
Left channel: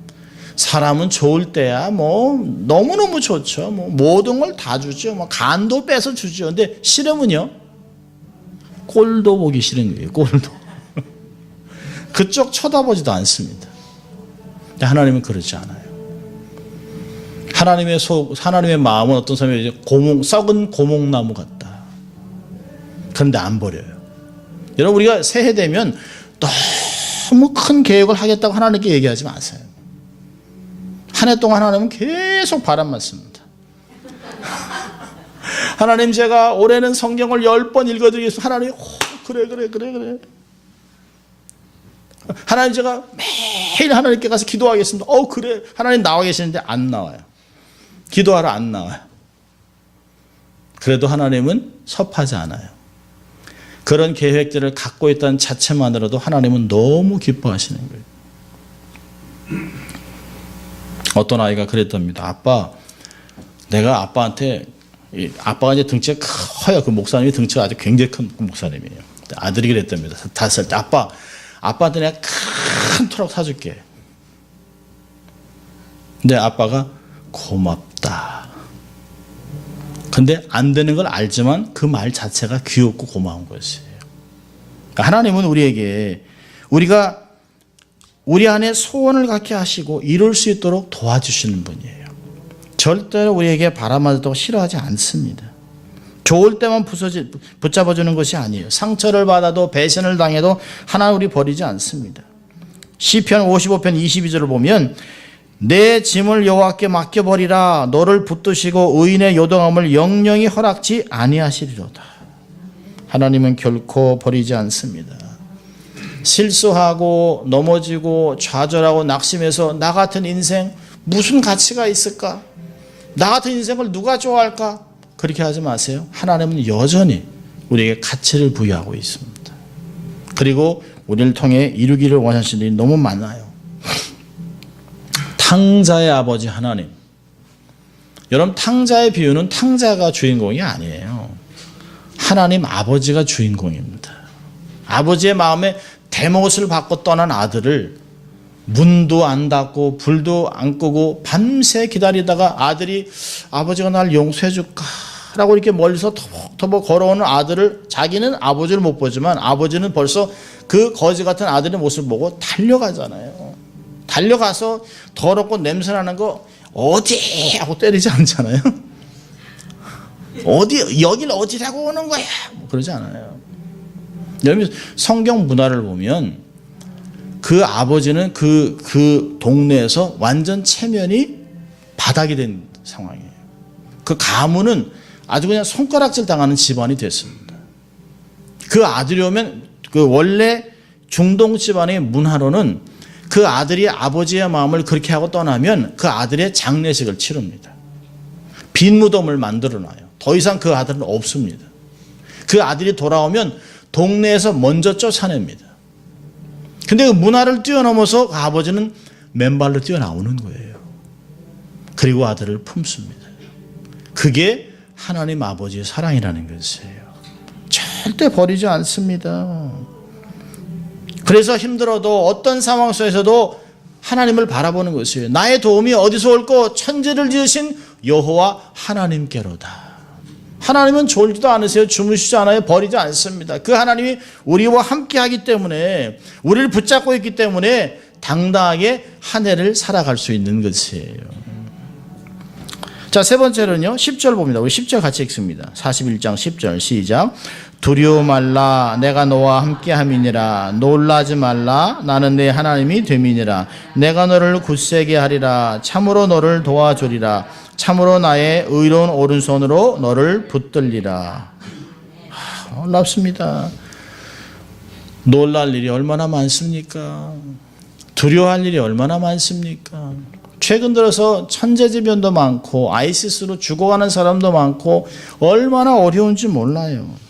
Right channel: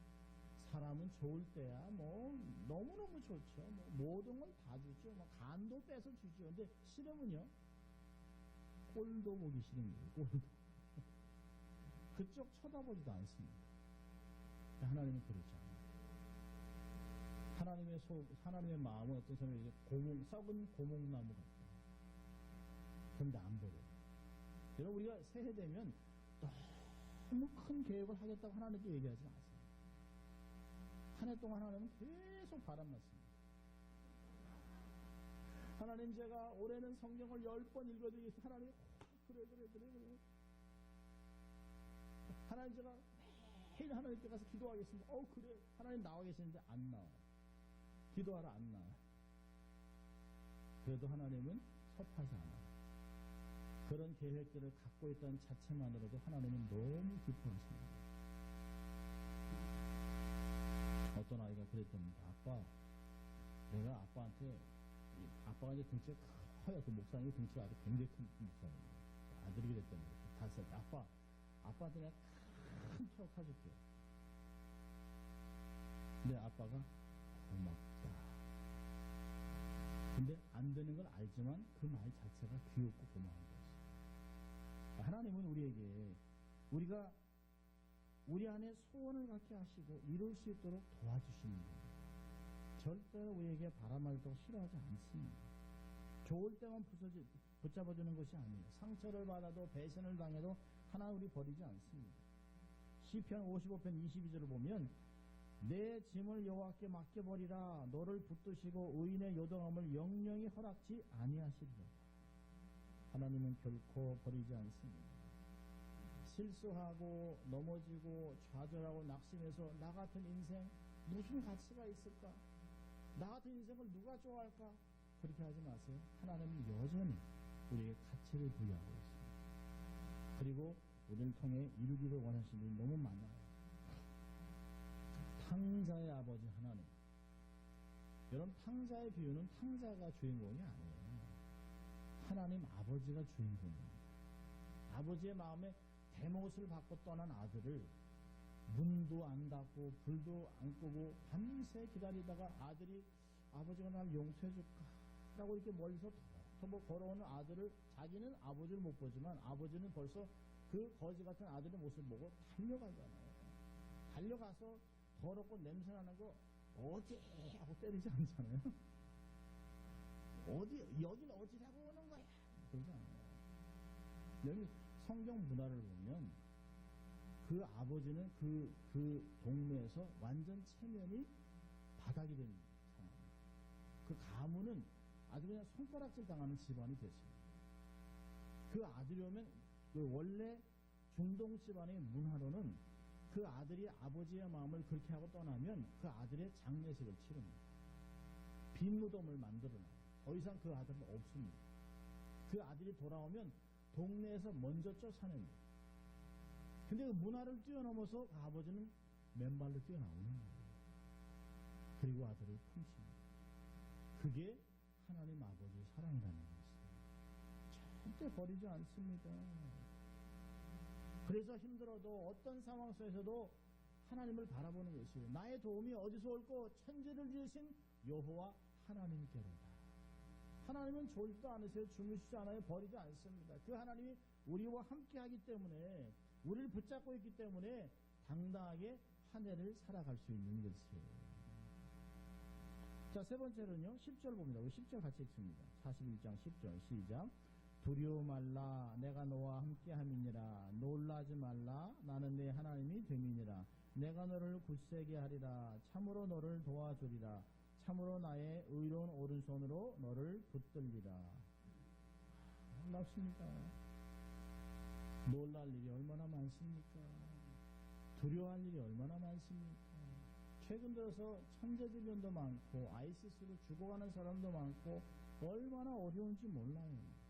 사람은 좋을 때야 뭐 너무너무 좋죠. 뭐 모든 걸 다 주죠. 뭐 간도 빼서 주죠. 근데 싫으면요, 꼴도 보기 싫은 거예요. 꼴도. 그쪽 쳐다보지도 않습니다. 근데 하나님은 그렇지 않아요. 하나님의 마음은 어떤 사람이 썩은 고목나무 같다. 그런데 안 버려요. 여러분, 우리가 새해 되면 너무 큰 계획을 하겠다고 하나님께 얘기하지 마세요. 한 해 동안 하나님은 계속 바람만 씁니다. 하나님, 제가 올해는 성경을 10번 읽어드리겠습니다. 하나님, 그래. 하나님, 제가 매일 하나님께 가서 기도하겠습니다. 그래. 하나님 나와 계시는데 안 나와요. 기도하러 안 나와요. 그래도 하나님은 섭하지 않아요. 그런 계획들을 갖고 있다는 자체만으로도 하나님은 너무 기뻐하시는 거예요. 어떤 아이가 그랬답니다. 아빠, 내가 아빠한테, 아빠가 이제 덩치가 커요. 그 목사님이 덩치가 아주 굉장히 큰 목사님이에요. 아들이 그랬답니다. 5살 때, 아빠한테 내가 큰 트럭 사줄게. 근데 아빠가 고맙다. 근데 안 되는 걸 알지만 그 말 자체가 귀엽고 고마운 것이에요. 그러니까 하나님은 우리에게 우리가 우리 안에 소원을 갖게 하시고 이룰 수 있도록 도와주시는 분이에요. 절대로 우리에게 바람맞았다고 싫어하지 않습니다. 좋을 때만 붙잡아주는 것이 아니에요. 상처를 받아도 배신을 당해도 하나는 우리 버리지 않습니다. 시편 55편 22절을 보면 내 짐을 여호와께 맡겨버리라. 너를 붙드시고 의인의 요동함을 영영히 허락지 아니하시리로다. 하나님은 결코 버리지 않습니다. 실수하고 넘어지고 좌절하고 낙심해서 나 같은 인생 무슨 가치가 있을까? 나 같은 인생을 누가 좋아할까? 그렇게 하지 마세요. 하나님은 여전히 우리에게 가치를 부여하고 있습니다. 그리고 우리를 통해 이루기를 원하시는 일이 너무 많아요. 탕자의 아버지 하나님. 여러분, 탕자의 비유는 탕자가 주인공이 아니에요. 하나님 아버지가 주인공입니다. 아버지의 마음에 대못을 받고 떠난 아들을 문도 안 닫고 불도 안 끄고 밤새 기다리다가 아들이 아버지가 날 용서해 줄까? 라고 이렇게 멀리서 터벅터벅 걸어오는 아들을, 자기는 아버지를 못 보지만 아버지는 벌써 그 거지 같은 아들의 모습을 보고 달려가잖아요. 달려가서 더럽고 냄새나는 거 어디 하고 때리지 않잖아요. 어디, 여길 어디라고 오는 거야? 그러지 않아요. 여러분, 성경 문화를 보면 그 아버지는 그 동네에서 완전 체면이 바닥이 된 상황이에요. 그 가문은 아주 그냥 손가락질 당하는 집안이 됐습니다. 그 아들이 오면 그 원래 중동 집안의 문화로는 그 아들이 아버지의 마음을 그렇게 하고 떠나면 그 아들의 장례식을 치릅니다. 빈 무덤을 만들어놔요. 더 이상 그 아들은 없습니다. 그 아들이 돌아오면 동네에서 먼저 쫓아냅니다. 근데 그 문화를 뛰어넘어서 그 아버지는 맨발로 뛰어나오는 거예요. 그리고 아들을 품습니다. 그게 하나님 아버지의 사랑이라는 것이에요. 절대 버리지 않습니다. 그래서 힘들어도 어떤 상황 속에서도 하나님을 바라보는 것이에요. 나의 도움이 어디서 올까? 천지를 지으신 여호와 하나님께로다. 하나님은 졸지도 않으세요. 주무시지 않아요. 버리지 않습니다. 그 하나님이 우리와 함께하기 때문에, 우리를 붙잡고 있기 때문에 당당하게 한 해를 살아갈 수 있는 것이에요. 자, 세 번째로는요, 10절 봅니다. 우리 10절 같이 읽습니다. 41장 10절 시작. 두려워 말라. 내가 너와 함께함이니라. 놀라지 말라. 나는 내 하나님이 됨이니라. 내가 너를 굳세게 하리라. 참으로 너를 도와주리라. 참으로 나의 의로운 오른손으로 너를 붙들리라. 놀랍습니다. 놀랄 일이 얼마나 많습니까? 두려워할 일이 얼마나 많습니까? 최근 들어서 천재지변도 많고 아이시스로 죽어가는 사람도 많고 얼마나 어려운지 몰라요.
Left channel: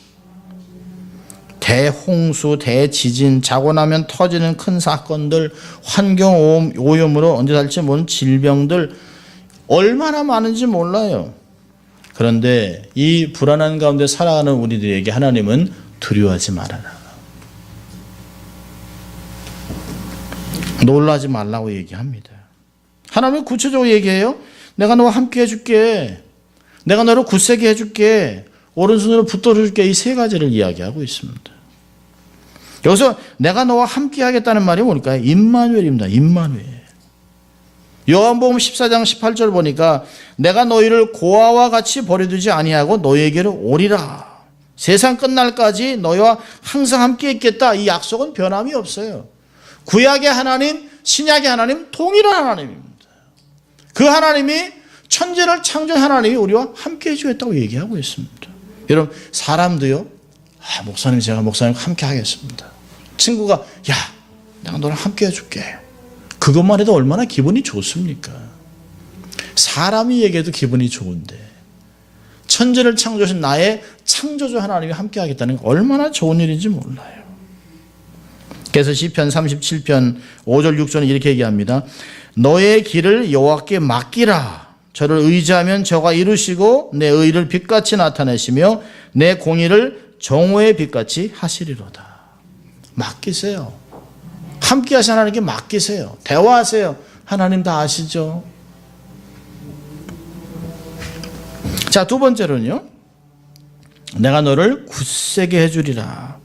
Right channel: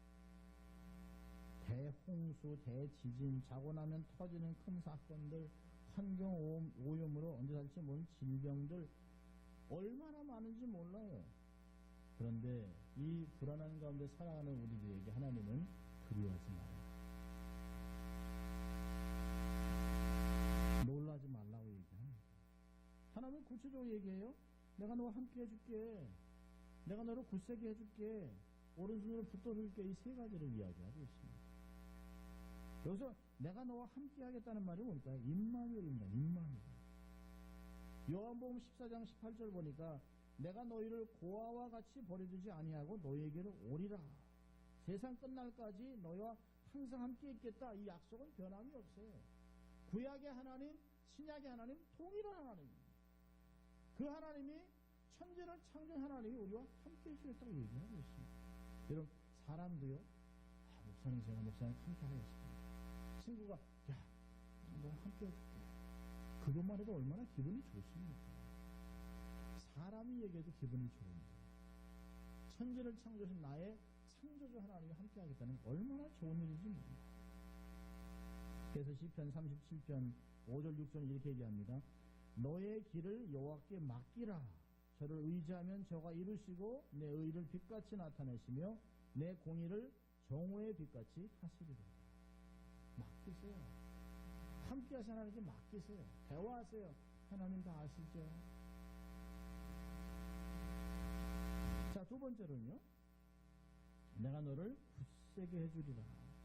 대홍수, 대지진, 자고 나면 터지는 큰 사건들, 환경 오염으로 언제 살지 모르는 질병들 얼마나 많은지 몰라요. 그런데 이 불안한 가운데 살아가는 우리들에게 하나님은 두려워하지 말아라. 놀라지 말라고 얘기합니다. 하나님은 구체적으로 얘기해요. 내가 너와 함께 해줄게. 내가 너를 굳세게 해줄게. 오른손으로 붙들어줄게. 이 세 가지를 이야기하고 있습니다. 여기서 내가 너와 함께 하겠다는 말이 뭘까요? 임마누엘입니다. 임마누엘. 요한복음 14장 18절 보니까 내가 너희를 고아와 같이 버려두지 아니하고 너희에게로 오리라. 세상 끝날까지 너희와 항상 함께 있겠다. 이 약속은 변함이 없어요. 구약의 하나님, 신약의 하나님 동일한 하나님입니다. 그 하나님이 천지를 창조한 하나님이 우리와 함께 해주겠다고 얘기하고 있습니다. 여러분 사람도요. 목사님 제가 목사님과 함께 하겠습니다. 친구가 야 내가 너랑 함께 해줄게. 그것만 해도 얼마나 기분이 좋습니까? 사람이 얘기해도 기분이 좋은데 천지를 창조하신 나의 창조주 하나님이 함께 하겠다는 게 얼마나 좋은 일인지 몰라요. 그래서 시편 37편 5절 6절은 이렇게 얘기합니다. 너의 길을 여호와께 맡기라. 저를 의지하면 저가 이루시고 내 의를 빛같이 나타내시며 내 공의를 정오의 빛같이 하시리로다. 맡기세요. 함께 하신 하나님께 맡기세요. 대화하세요. 하나님 다 아시죠? 자, 두 번째로는요. 내가 너를 굳세게 해주리라.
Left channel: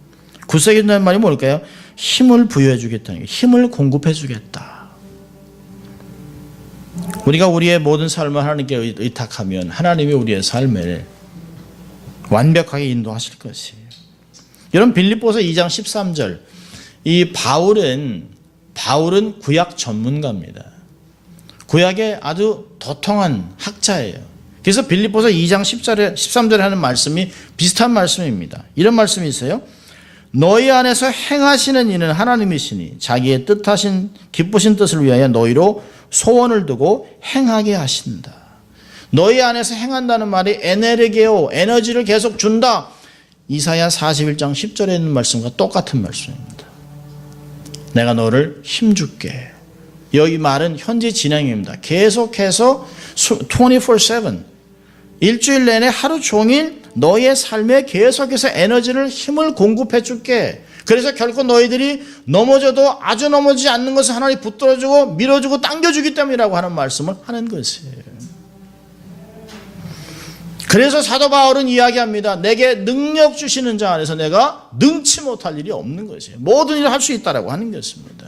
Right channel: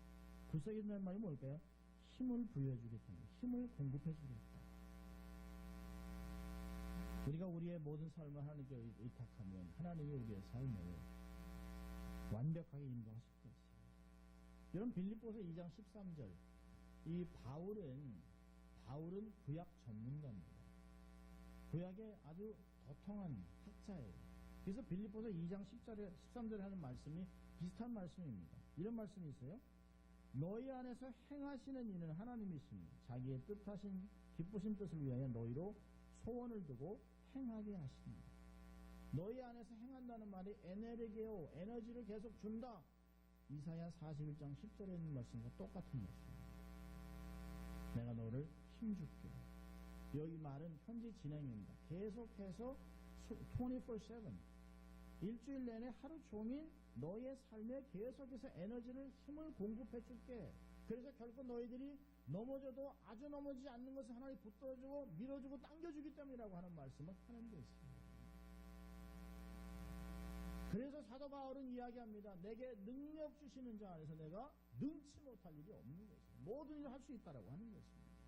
굳세게 해준다는 말이 뭘까요? 힘을 부여해 주겠다는 게 힘을 공급해 주겠다. 우리가 우리의 모든 삶을 하나님께 의탁하면 하나님이 우리의 삶을 완벽하게 인도하실 것이에요. 여러분 빌립보서 2장 13절 이 바울은 구약 전문가입니다. 구약의 아주 도통한 학자예요. 그래서 빌립보서 2장 13절에 하는 말씀이 비슷한 말씀입니다. 이런 말씀이 있어요. 너희 안에서 행하시는 이는 하나님이시니 자기의 뜻하신 기쁘신 뜻을 위하여 너희로 소원을 두고 행하게 하신다. 너희 안에서 행한다는 말이 에네르게오 에너지를 계속 준다. 이사야 41장 10절에 있는 말씀과 똑같은 말씀입니다. 내가 너를 힘줄게. 여기 말은 현재 진행입니다. 계속해서 24/7 일주일 내내 하루 종일 너의 삶에 계속해서 에너지를 힘을 공급해 줄게. 그래서 결코 너희들이 넘어져도 아주 넘어지지 않는 것을 하나님 붙들어주고 밀어주고 당겨주기 때문이라고 하는 말씀을 하는 것이에요. 그래서 사도 바울은 이야기합니다. 내게 능력 주시는 자 안에서 내가 능치 못할 일이 없는 것이에요. 모든 일을 할 수 있다라고 하는 것입니다.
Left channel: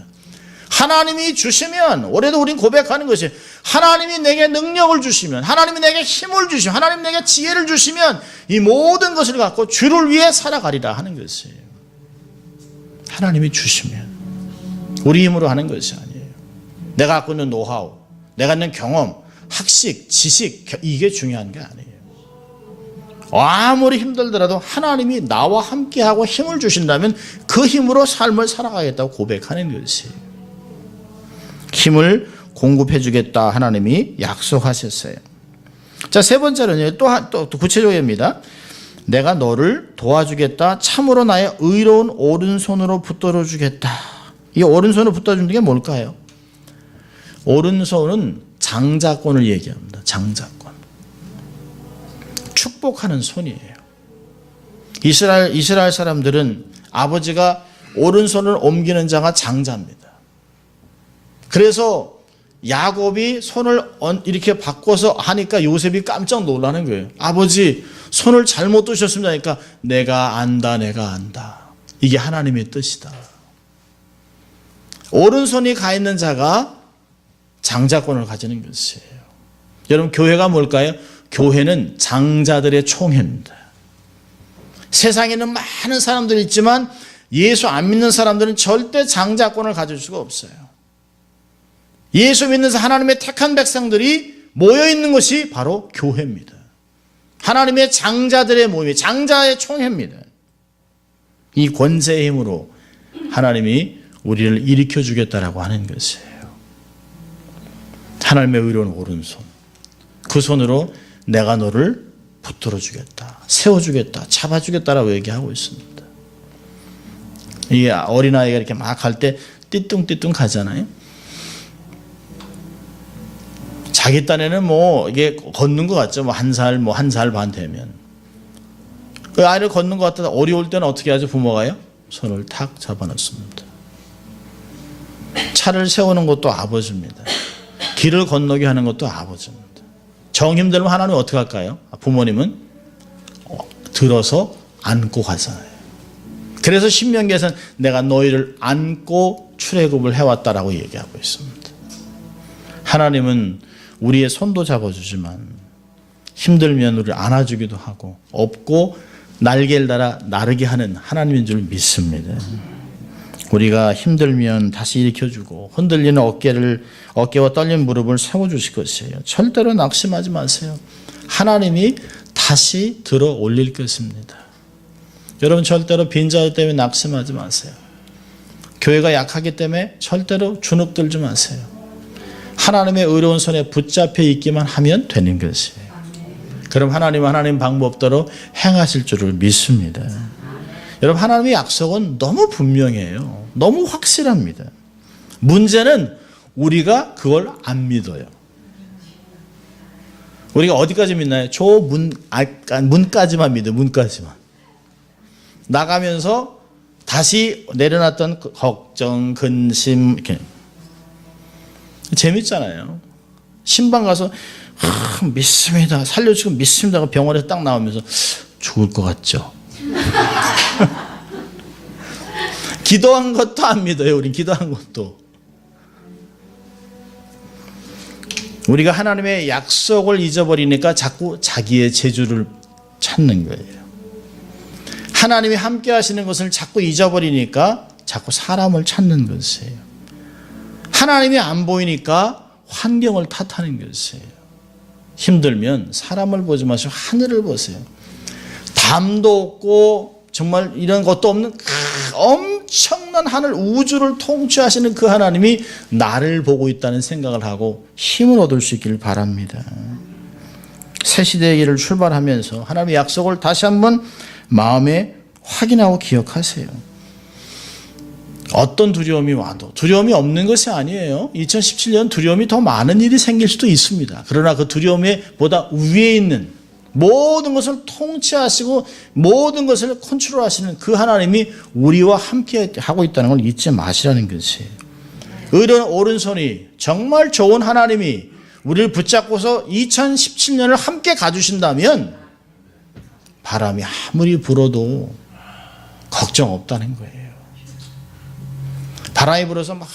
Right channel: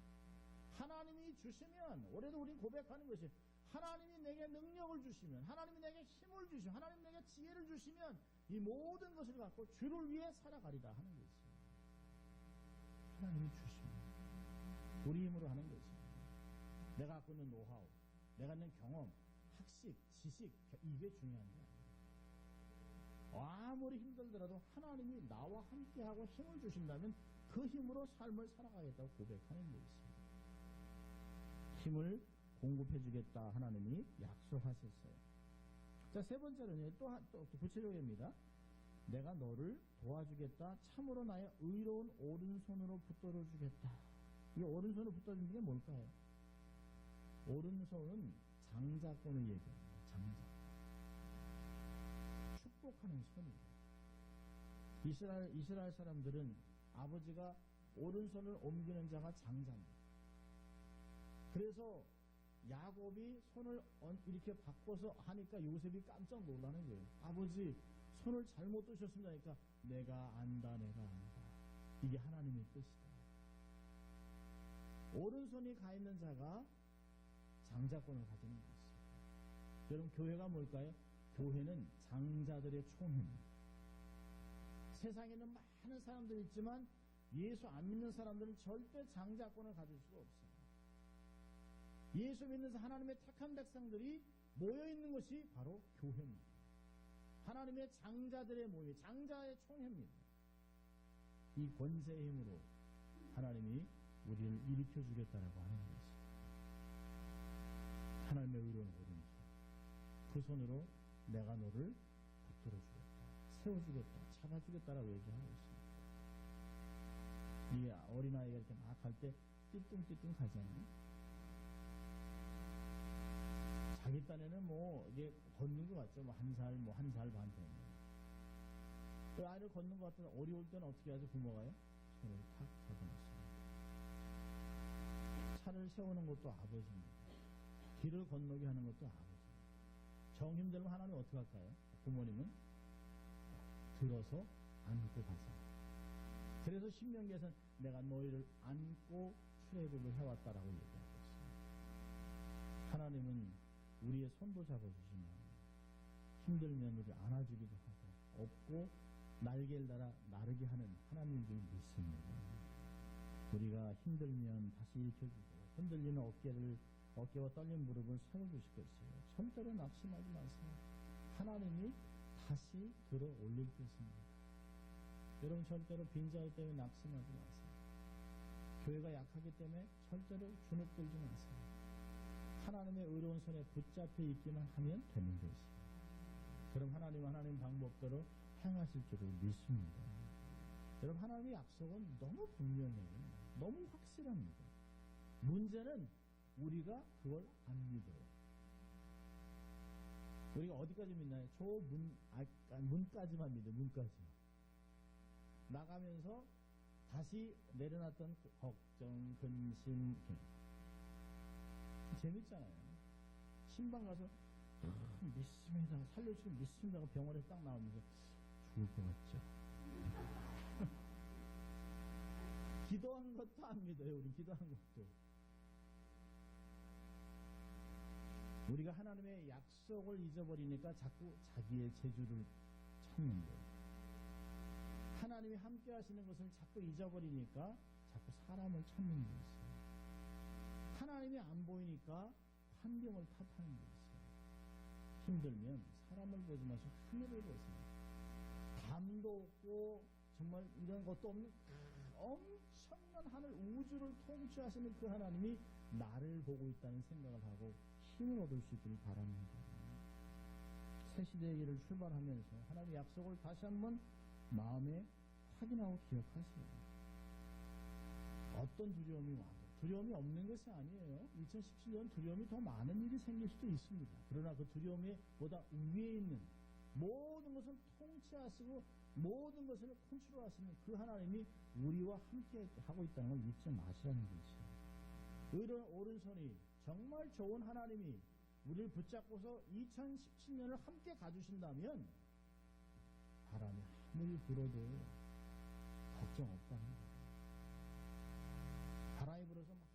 하나님이 주시면 올해도 우린 고백하는 것이 하나님이 내게 능력을 주시면 하나님이 내게 힘을 주시면 하나님이 내게 지혜를 주시면 이 모든 것을 갖고 주를 위해 살아가리라 하는 것이에요. 하나님이 주시면 우리 힘으로 하는 것이 아니에요. 내가 갖고 있는 노하우, 내가 있는 경험, 학식, 지식 이게 중요한 게 아니에요. 아무리 힘들더라도 하나님이 나와 함께하고 힘을 주신다면 그 힘으로 삶을 살아가겠다고 고백하는 것이에요. 힘을 공급해 주겠다 하나님이 약속하셨어요. 자, 세 번째로는 또 구체적입니다. 내가 너를 도와주겠다. 참으로 나의 의로운 오른손으로 붙들어 주겠다. 이 오른손으로 붙들어 주는 게 뭘까요? 오른손은 장자권을 얘기합니다. 장자권. 축복하는 손이에요. 이스라엘 사람들은 아버지가 오른손을 옮기는 자가 장자입니다. 그래서 야곱이 손을 이렇게 바꿔서 하니까 요셉이 깜짝 놀라는 거예요. 아버지 손을 잘못 두셨습니다. 하니까 내가 안다. 이게 하나님의 뜻이다. 오른손이 가 있는 자가 장자권을 가지는 것이에요. 여러분 교회가 뭘까요? 교회는 장자들의 총회입니다. 세상에는 많은 사람들이 있지만 예수 안 믿는 사람들은 절대 장자권을 가질 수가 없어요. 예수 믿는 하나님의 택한 백성들이 모여있는 것이 바로 교회입니다. 하나님의 장자들의 모임이 장자의 총회입니다. 이 권세의 힘으로 하나님이 우리를 일으켜 주겠다라고 하는 것이에요. 하나님의 의로운 오른손, 그 손으로 내가 너를 붙들어 주겠다, 세워주겠다, 잡아주겠다라고 얘기하고 있습니다. 이 어린아이가 이렇게 막 할 때 띠뚱띠뚱 가잖아요. 자기 딴에는 이게 걷는 것 같죠. 한 살 반 되면. 그 아이를 걷는 것 같다 어려울 때는 어떻게 하죠? 부모가요? 손을 탁 잡아놓습니다. 차를 세우는 것도 아버지입니다. 길을 건너게 하는 것도 아버지입니다. 정 힘들면 하나님은 어떻게 할까요? 부모님은 들어서 안고 가잖아요. 그래서 신명기에서는 내가 너희를 안고 출애굽을 해왔다라고 얘기하고 있습니다. 하나님은 우리의 손도 잡아주지만 힘들면 우리를 안아주기도 하고 없고 날개를 달아 나르게 하는 하나님인 줄 믿습니다. 우리가 힘들면 다시 일으켜주고 흔들리는 어깨와 떨린 무릎을 세워주실 것이에요. 절대로 낙심하지 마세요. 하나님이 다시 들어 올릴 것입니다. 여러분 절대로 빈자리 때문에 낙심하지 마세요. 교회가 약하기 때문에 절대로 주눅들지 마세요. 하나님의 의로운 손에 붙잡혀 있기만 하면 되는 것이에요. 그럼 하나님 방법대로 행하실 줄을 믿습니다. 여러분 하나님의 약속은 너무 분명해요. 너무 확실합니다. 문제는 우리가 그걸 안 믿어요. 우리가 어디까지 믿나요? 저 문까지만 믿어요. 문까지만. 나가면서 다시 내려놨던 걱정, 근심 이렇게 재밌잖아요. 신방 가서 믿습니다. 살려주고 믿습니다. 병원에서 딱 나오면서 죽을 것 같죠. 기도한 것도 안 믿어요. 우리 기도한 것도. 우리가 하나님의 약속을 잊어버리니까 자꾸 자기의 재주를 찾는 거예요. 하나님이 함께 하시는 것을 자꾸 잊어버리니까 자꾸 사람을 찾는 것이에요. 하나님이 안 보이니까 환경을 탓하는 것이에요. 힘들면 사람을 보지 마시고 하늘을 보세요. 담도 없고 정말 이런 것도 없는 엄청난 하늘 우주를 통치하시는 그 하나님이 나를 보고 있다는 생각을 하고 힘을 얻을 수 있기를 바랍니다. 새 시대의 길을 출발하면서 하나님의 약속을 다시 한번 마음에 확인하고 기억하세요. 어떤 두려움이 와도 두려움이 없는 것이 아니에요. 2017년 두려움이 더 많은 일이 생길 수도 있습니다. 그러나 그 두려움에 보다 위에 있는 모든 것을 통치하시고 모든 것을 컨트롤하시는 그 하나님이 우리와 함께 하고 있다는 걸 잊지 마시라는 것이에요. 의로운 오른손이 정말 좋은 하나님이 우리를 붙잡고서 2017년을 함께 가주신다면 바람이 아무리 불어도 걱정 없다는 거예요. 바람이 불어서 막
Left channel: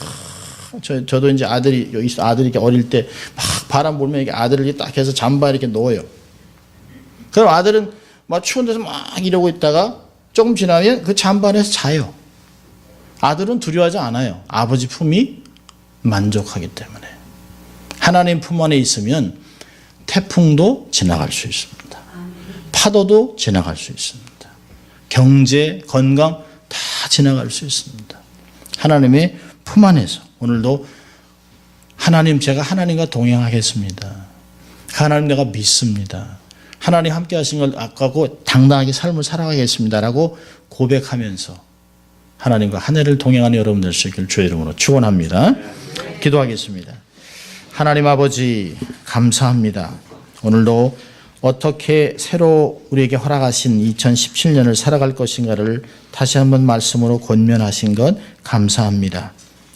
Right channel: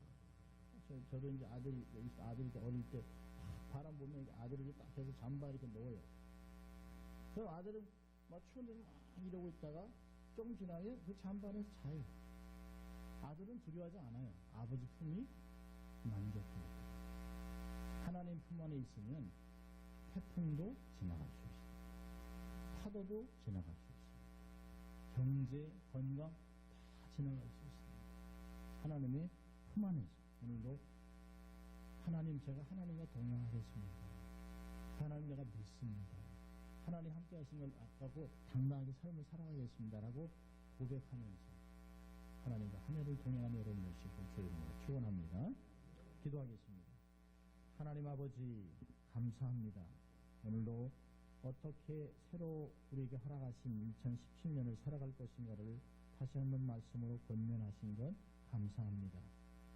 저도 이제 아들이 이렇게 어릴 때 막 바람 불면 이렇게 아들을 이렇게 딱 해서 잠바 이렇게 놓아요. 그럼 아들은 막 추운 데서 막 이러고 있다가 조금 지나면 그 잠바 안에서 자요. 아들은 두려워하지 않아요. 아버지 품이 만족하기 때문에. 하나님 품 안에 있으면 태풍도 지나갈 수 있습니다. 파도도 지나갈 수 있습니다. 경제, 건강 다 지나갈 수 있습니다. 하나님의 품 안에서 오늘도 하나님 제가 하나님과 동행하겠습니다. 하나님 내가 믿습니다. 하나님 함께 하신 걸 아까고 당당하게 삶을 살아가겠습니다라고 고백하면서 하나님과 한 해를 동행하는 여러분들 수 있기를 주의 이름으로 축원합니다. 기도하겠습니다. 하나님 아버지 감사합니다. 오늘도 어떻게 새로 우리에게 허락하신 2017년을 살아갈 것인가를 다시 한번 말씀으로 권면하신 것 감사합니다.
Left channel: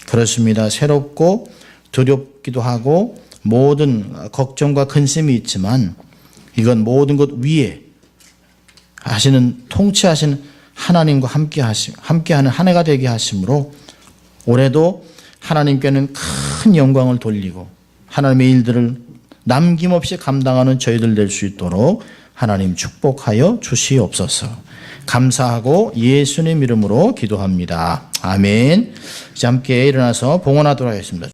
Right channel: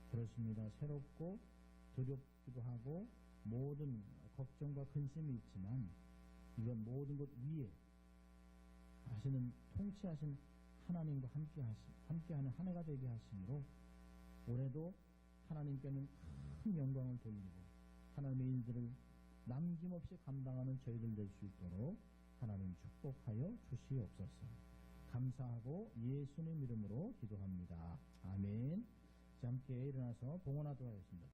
그렇습니다. 새롭고 두렵기도 하고 모든 걱정과 근심이 있지만 이건 모든 것 위에 하시는 통치하시는 하나님과 함께하는 한 해가 되게 하심으로 올해도 하나님께는 큰 영광을 돌리고 하나님의 일들을 남김없이 감당하는 저희들 될 수 있도록 하나님 축복하여 주시옵소서. 감사하고 예수님 이름으로 기도합니다. 아멘. 이제 함께 일어나서 봉헌하도록 하겠습니다.